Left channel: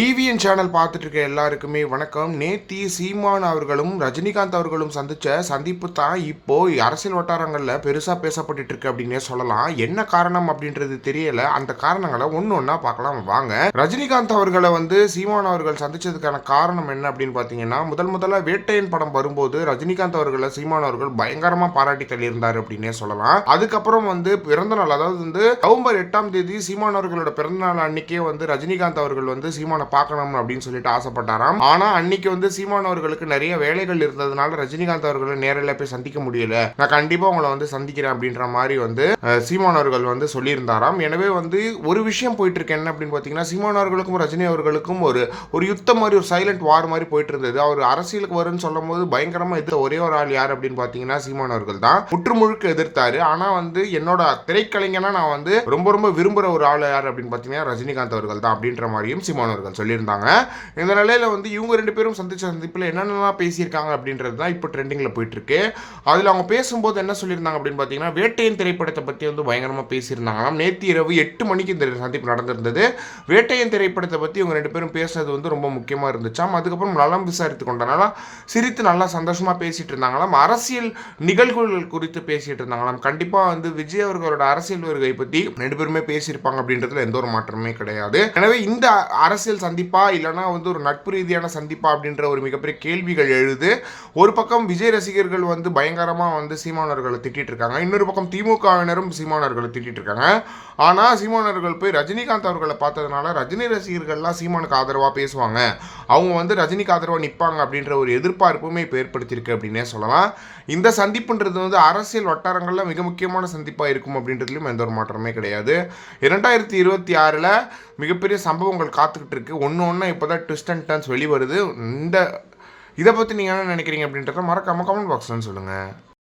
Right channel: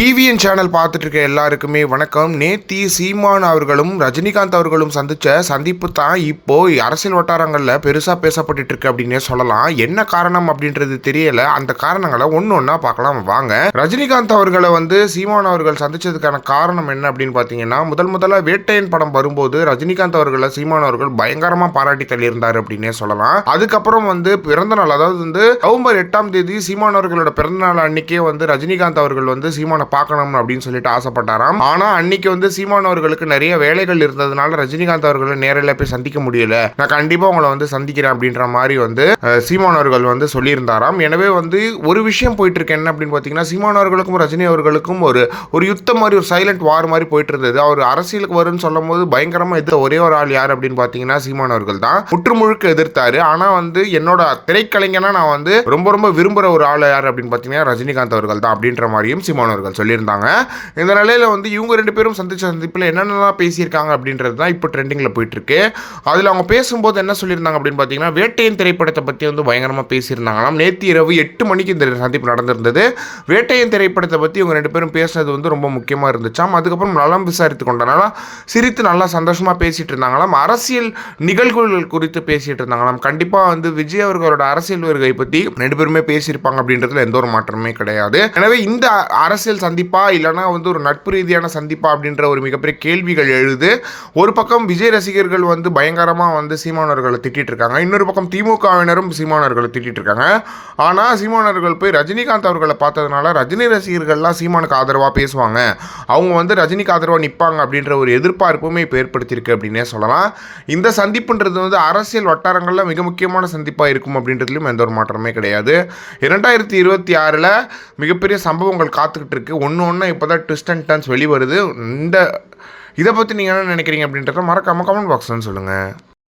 TVN channel பார்த்துட்டு இருக்க எல்லாருக்குமே வணக்கம். நேத்தி சீமான் அவர்களும் ரஜினிகாந்த் அவர்களும் சந்திச்ச சந்திப்பு தான் இப்போ அரசியல் வட்டாரங்களில் பெருசாக பேசப்பட்டு இருக்கு அப்படின்னே சொல்லலாம். என்ன காரணம் அப்படின்றது தெரியல. அந்த காரணங்களை ஒன்று ஒன்றா பார்க்கலாம் வாங்க. ரஜினிகாந்த் அவர்களை சீமான் அவர்கள் சந்திச்சதுக்கான காரணம் என்ன அப்படின்னு பார்த்தீங்கன்னா, முதல்ல வேட்டையன் படம் வரும்போது ரஜினிகாந்த் அவர்களை சீமான் அவர்கள் பயங்கரமாக பாராட்டி தள்ளியிருந்தார் அப்படின்னே சொல்லலாம். அதுக்கப்புறம் பிறந்த நாள், அதாவது நவம்பர் 8ஆம் தேதி சீமான் அவர்களோட பிறந்த நாள் அன்னைக்கே ரஜினிகாந்த் அவர்கள் சீமான் பார்க்கணும் அப்படின்னு சொல்லிட்டு ஆசைப்பட்டாராம். ஆனா அன்னைக்கு சீமான் அவர்களுக்கு நிறைய வேலைகள் இருந்ததுனால ரஜினிகாந்த் அவர்களை நேரில் போய் சந்திக்க முடியல. நான் கண்டிப்பா உங்களை சந்திக்கிறேன் அப்படின்ற மாதிரி சீமான் அவர்கள் சொல்லியிருந்தாராம். எனவே ஒரு விஷயம் போயிட்டு இருக்கு. என்ன அப்படின்னு பார்த்தீங்கன்னா, சீமான் அவர்களுக்கும் ரஜினி அவர்களுக்கும் ஒரு யுத்தம் மாதிரி, ஒரு சைலண்ட் வார் மாதிரி போயிட்டு இருந்தது. அவர் அரசியலுக்கு வரும்னு சொல்லும் போது பயங்கரமா எதிர்த்த ஒரே ஒரு ஆள் யார் அப்படின்னு பார்த்தீங்கன்னா சீமான் அவர்கள் தான் முற்றுமுழுக்க எதிர்த்தாரு. ஆனா என்னோட திரைக்கலைஞனா நான் ரொம்ப விரும்புற ஒரு ஆள் யார் அப்படின்னு பார்த்தீங்கன்னா ரஜினிகாந்த் அவர்கள் தான் அப்படின்ற மாதிரியும் சீமான் அவர்கள் சொல்லியிருந்தாங்க. இந்த நிலையில் இவங்க ரெண்டு பேரும் சந்திச்ச சந்திப்பில் என்னென்னலாம் பேசியிருக்காங்க அப்படின்றது தான் இப்போ ட்ரெண்டிங்கில் போயிட்டு இருக்கு. அதில் அவங்க பேசும்போது என்ன சொல்லியிருந்தாங்க அப்படின்னு பார்த்தீங்கன்னா, வேட்டையன் திரைப்படத்தை பற்றி பயங்கரமாக பேசியிருந்தாங்களாம். நேற்று இரவு 8 மணிக்கு இந்த சந்திப்பு நடந்திருந்தது. வேட்டையன் திரைப்படத்தை பற்றி இவங்க ரெண்டு பேரும் பேசுனது ரொம்ப முக்கியமாக இருந்துச்சாம். அதுக்கப்புறம் நலம் விசாரித்து கொண்டனால சிரித்து நல்லா சந்தோஷமாக பேசிட்டு இருந்தாங்களாம். அரசியல் நிகழ்வுகள் குறித்து பேசிட்டு இருந்தாங்களாம். கண்டிப்பாக விஜய் அவர்களோட அரசியல் வருகை பற்றி ரெண்டு பேருமே பேசியிருப்பாங்க அப்படின்றதுல எந்த ஒரு மாற்றமே கிடையாது. எனவே இந்த அரசியல் சந்திப்பா இல்லைனா ஒரு நட்பு ரீதியான சந்திப்பா அப்படின்ற ஒரு மிகப்பெரிய கேள்விகள் எழுது. ஒரு பக்கம் விஜய் ரசிகர்கள் பயங்கரமாக சீமானவர்களை திட்டிட்டு இருக்காங்க. இன்னொரு பக்கம் திமுகவினரும் சீமானவர்களை திட்டிட்டு இருக்காங்க. ஆனால் சீமானவர்கள் போய் ரஜினிகாந்த் அவர்களை பார்த்ததுனால ரஜினி ரசிகர்கள்லாம் சீமானுக்கு ஆதரவாக பேசுவாங்க, அவங்க ரஜினிக்கு ஆதரவாக நிற்பாங்க அப்படின்ற ஒரு எதிர்பார்ப்புமே இப்போ ஏற்படுத்தியிருக்கு அப்படின்னே சொல்லலாம். இந்த சந்திப்புன்றது அரசியல் வட்டாரங்களில் மிக முக்கியமான சந்திப்பாக இருக்கும் அப்படின்றதுலையும் எந்த ஒரு மாற்றமே கிடையாது. 2026 மிகப்பெரிய சம்பவங்கள் காத்துக்கிட்டு இருக்கு. ஒன்று இப்போ தான் ட்விஸ்ட் அண்ட் டர்ன்ஸ் வெளிவருது. இதை பற்றி நீங்கள் என்ன நினைக்கிறீங்க அப்படின்றத மறக்காமல் கமெண்ட் பாக்ஸ்ன்னு சொல்லுங்கள்.